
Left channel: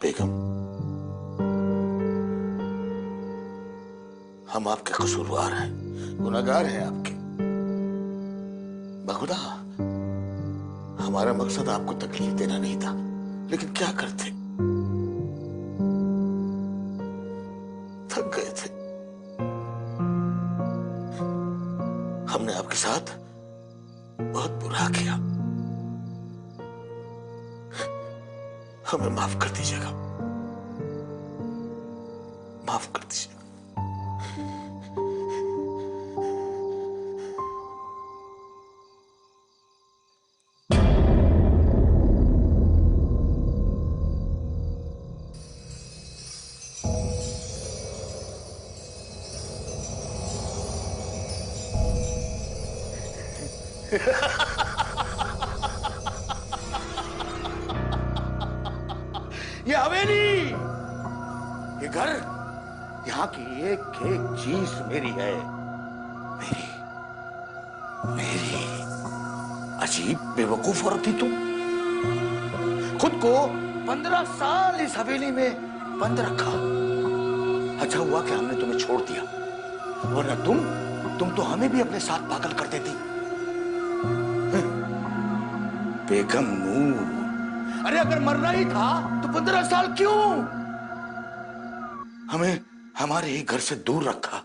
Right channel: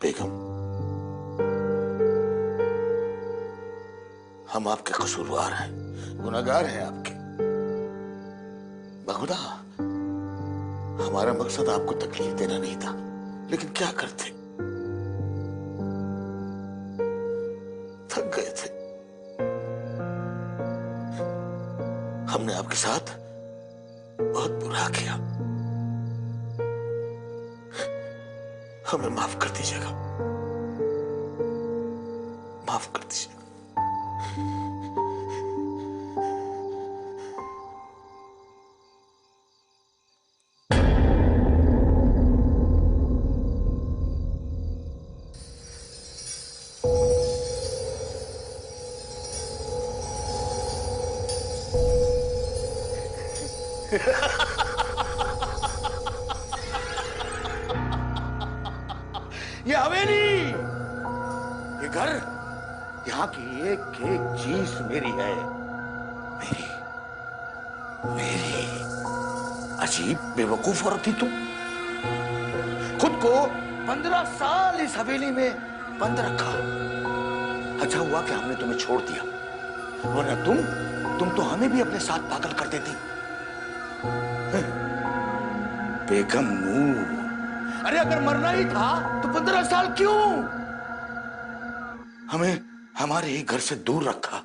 बेगम, हम आपके कसूरवार हैं, गुनहगार हैं आपके। बखुदा, हमारा मकसद आपको तकलीफ देना नहीं था, लेकिन क्या करते, थक गए थे। हमने आपके साथ बहुत बुरा किया, हमें माफ कर दीजिएगा, माफ कर दीजिएगा। ये हवेली, ये घर, यहाँ की एक एक चीज मेरी है, मेरी मेरी। अजीब बेवकूफ औरत थी तुम। खुद को 15 साल इस हवेली में बंद रखा। अच्छा हुआ कि हमने तुम्हें छोड़ दिया, वरना तुम तो हमें भी अपने साथ पागल कर देती। बेगम नूर, अरे अगर मरना ही था तो 15 साल क्यों? हमें हमारे ही घर से दूर रखा।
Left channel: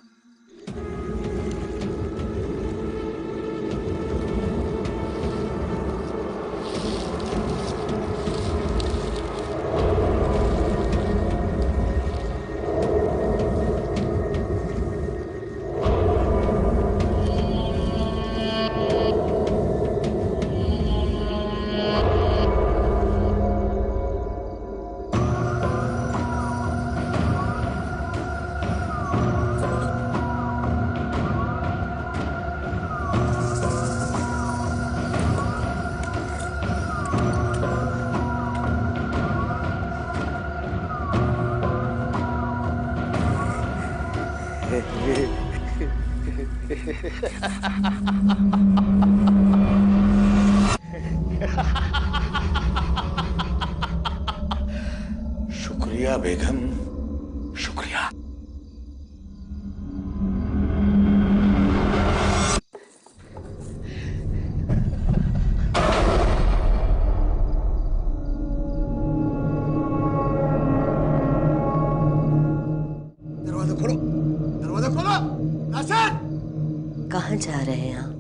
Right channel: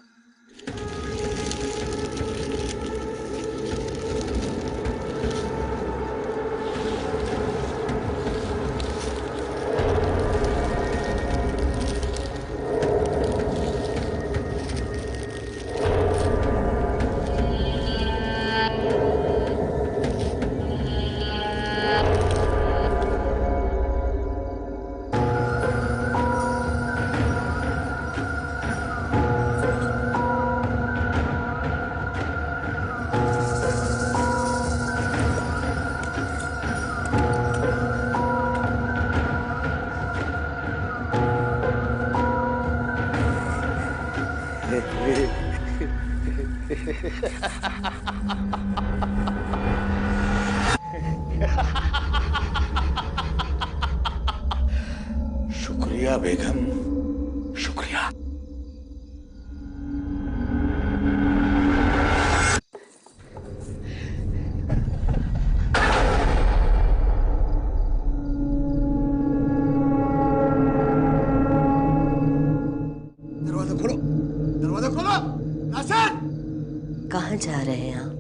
शुक्रिया बेगम, शुक्रिया। दरवाजा खोलो, दरवाजा खोलो। नासिर, कहाँ जा रहे हैं आप?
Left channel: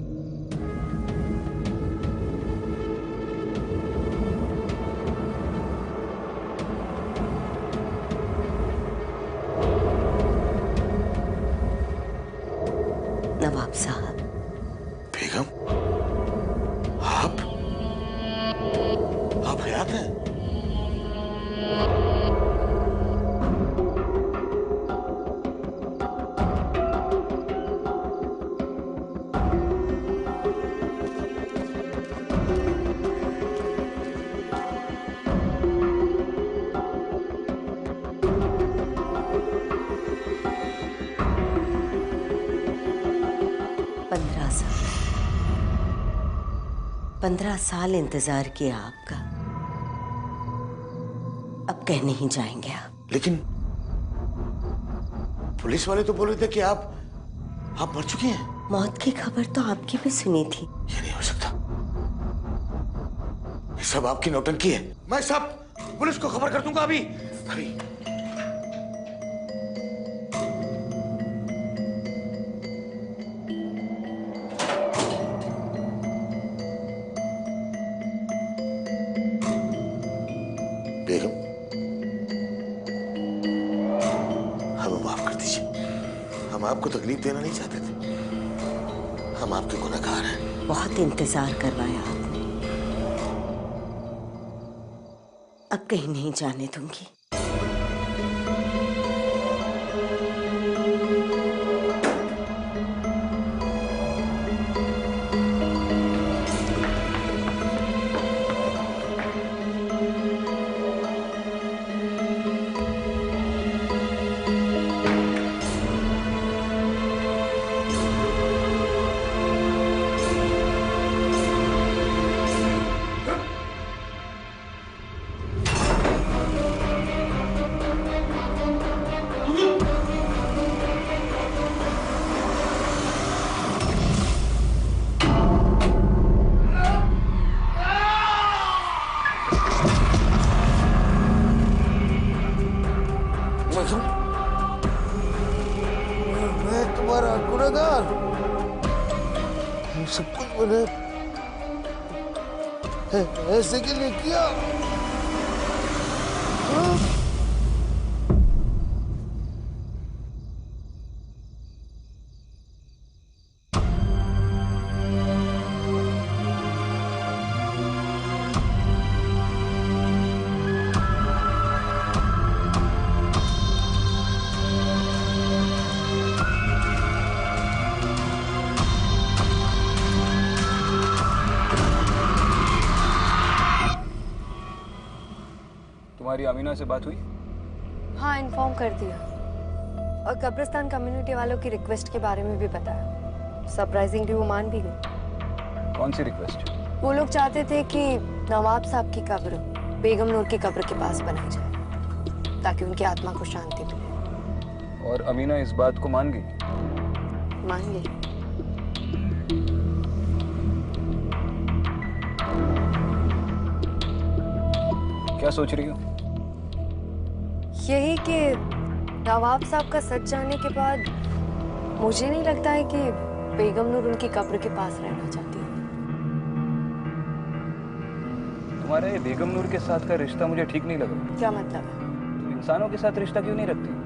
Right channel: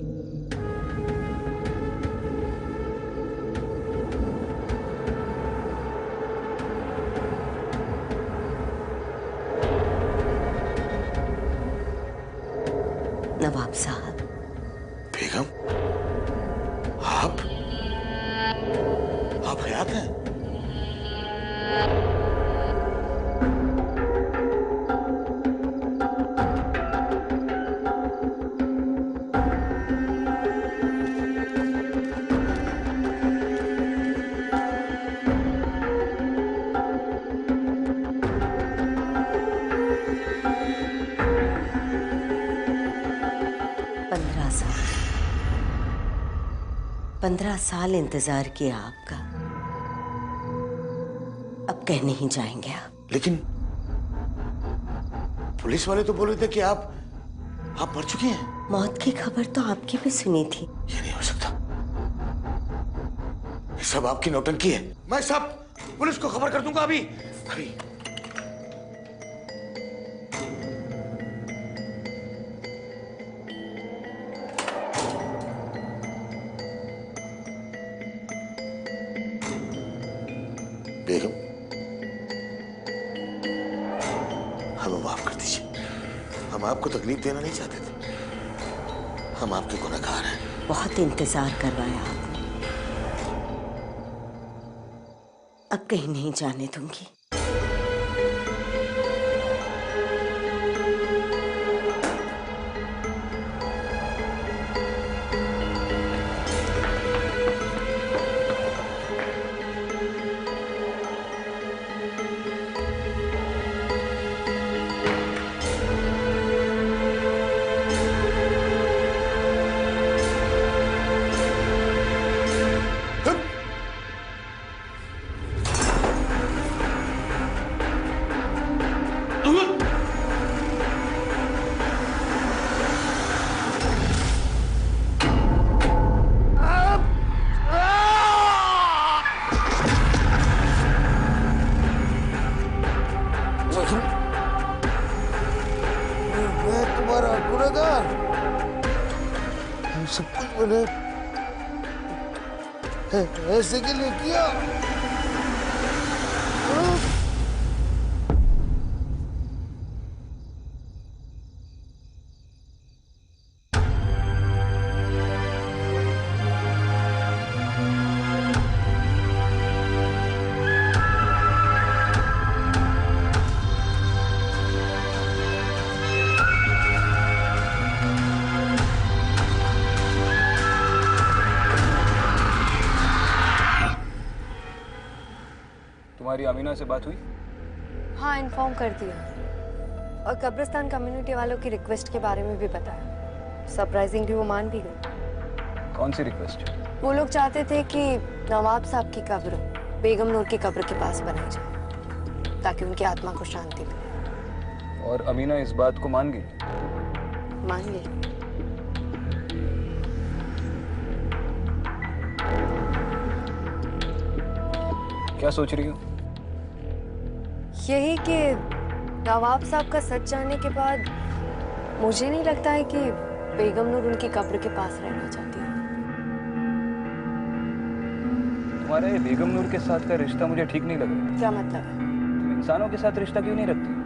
नवाब साहब। बेगम, आप हयात हैं? साल 15 साल इंतजार किया आपका, अब कह नहीं जाएंगे आप। लेकिन पुलिस वाले तो बोल रहे थे कि आप मर चुकी हैं। मौत की खबर तो आपकी भी सुनी थी। ये नहीं हो सकता, ये सब आपकी नौटंकी है। मैं सब पुलिस को खबर कर दूंगा अभी अभी। बेगम, हमें माफ कर दीजिए, हम आपको तकलीफ देना नहीं चाहते थे, हम आपके गुनहगार हैं। बहुत इंतजार करवाया आपने, अब कहीं नहीं जाने दूंगी। मैंने ऐसे के लिए किया। तुम्हारी अमीना से बात हुई? हाँ, इन्फॉर्म कर दिया और कब्रिस्तान कम्युनिटी वालों की रिक्वेस्ट के बारे में भी बताया। सरप्राइजिंगली वो मान भी गई। कौन सी रिक्वेस्ट? वो लोग चाहते थे कि नवाब साहब की कब्र बेगम नूर की कब्र के पास बनाई जाए ताकि उनकी आत्मा को शांति मिले। और अमीना इस बात को मान गई? मान गई। क्या सोच रही हो? यही कि नवाब साहब का सच जानने के बाद मुझे नहीं लगता है कि बेगम नूर उनकी कब्र के पास रहना चाहती है। तुम्हारा ये बेगम नूर के साथ का रिश्ता मुझे ठीक नहीं लग रहा है। क्या मतलब है? तुम इंसानों के साथ रिश्ता क्यों नहीं रखती?